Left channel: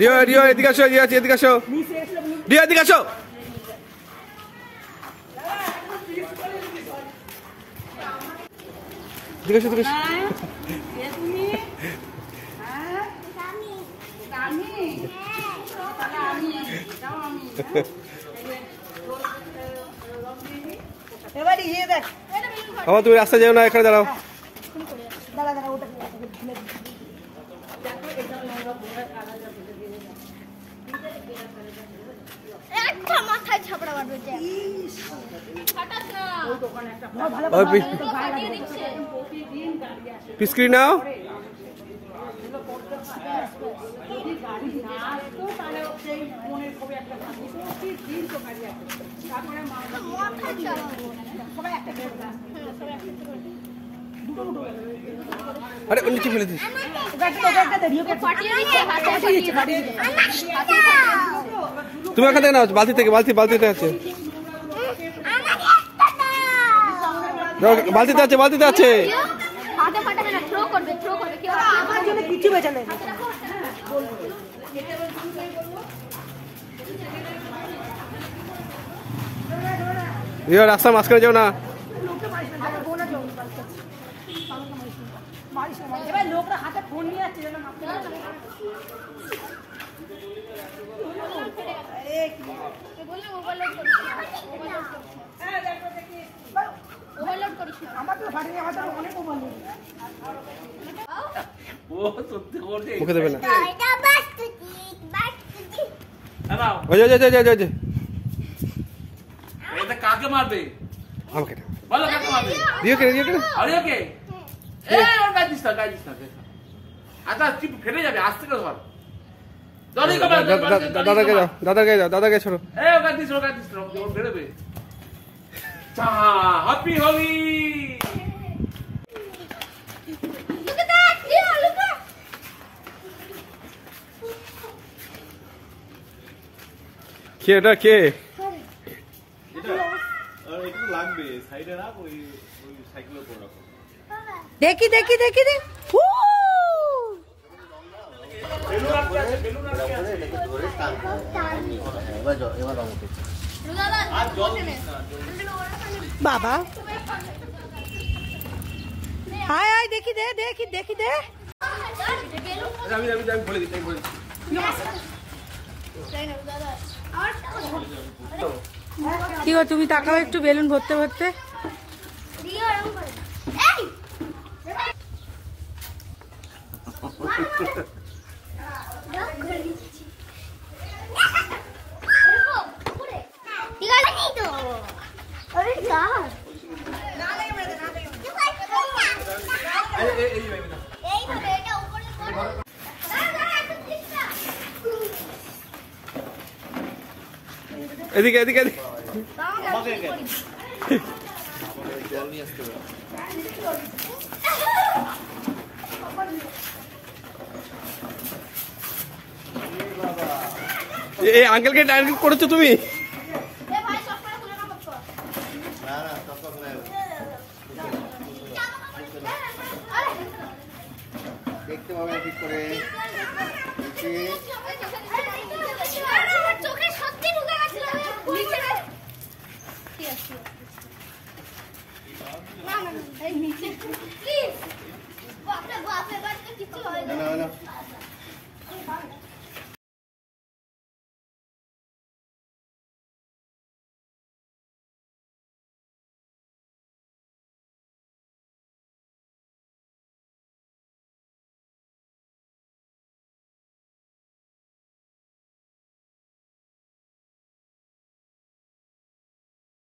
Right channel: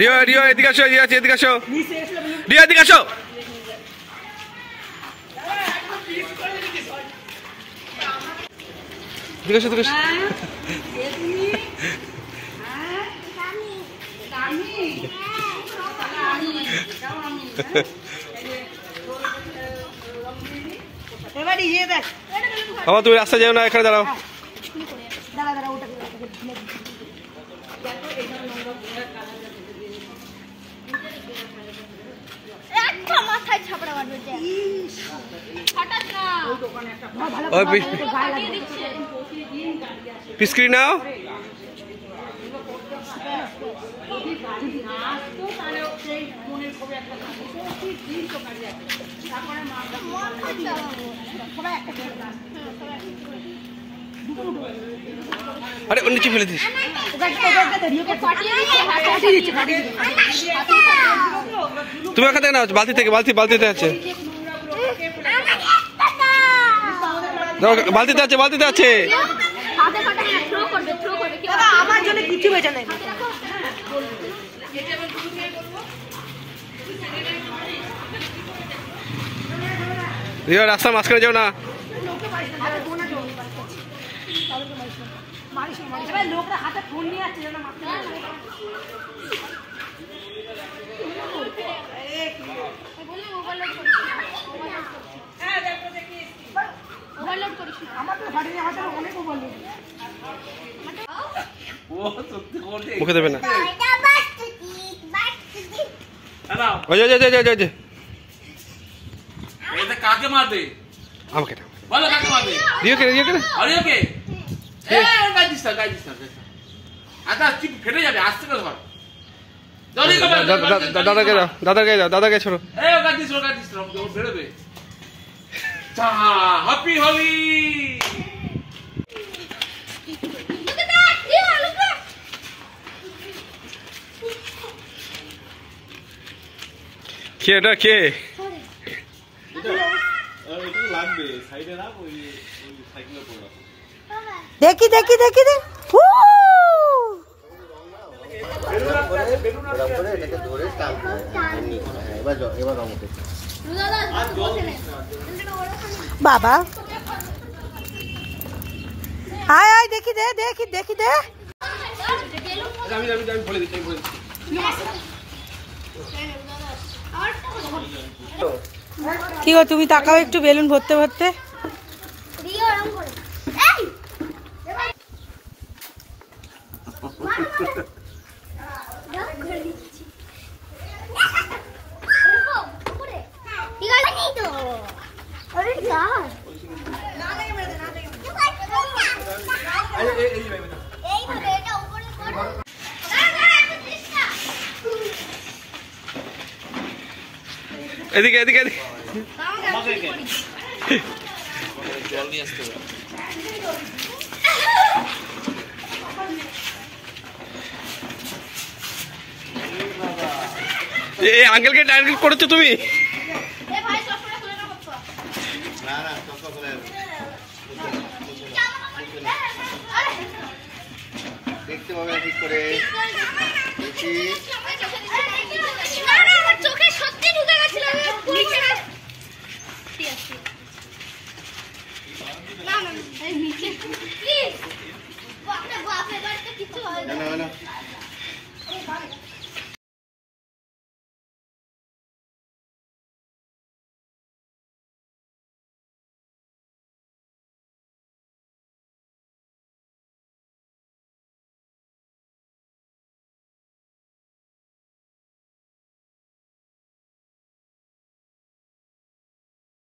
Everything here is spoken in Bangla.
রিও রিও এদিকে আসো, রিও এদিকে আসো, রিও এদিকে আসো। এদিকে আসো, এদিকে আসো। বাবা তুমি রাস্তায় যাও না, এখানে দাঁড়াও। পিসক্রি নাও। আরে ওর নিচে ফেলে দিস। তুমি ওখান থেকে নাও, বালতি থেকে, বালতিতে আছে, বালতিতে আছে, বালতিতে আছে। রিও রাস্তার মাঝখানে যাও না। লোকরা হাতে ফোন নিয়ে আসছে যেন মারতে পারে। বলি ওভারলোড করিস না, হ্যাঁ দেখো দেখি ওভারলোড করিস না। আমার তো গাড়ি হাতে অনেক ওভারলোড। ও সত্যি করে মুখে দেবে না। এটা বাস্তি না ওই যে এটা কাকে মারবে? আমাকে না বলো, কাকে মারবে? রিও কে আরে ওকে এই গাড়ি দিস না আচ্ছা চিপ ফেটে যাবে, আস্তে করে ধর। দাদাকে ছোড়ো। এই ও গাড়ি দিস ওর বেরোবে। চা হ্যাপি হোলি। কে এটা কে? একটু লাগবে সাইডে রাখ, ওই সাইকেলে পড়ে রাখো। দেখি বাবা আয় আয় দেখি দে। আমি বলে দিচ্ছি। কি গো তুমি তাকাও একটু বেলুন ভরতে। এদিকে আঙ্কেলকে টার্গেট করেছো তুমি? দেখতে পাবে ঠিক করে। না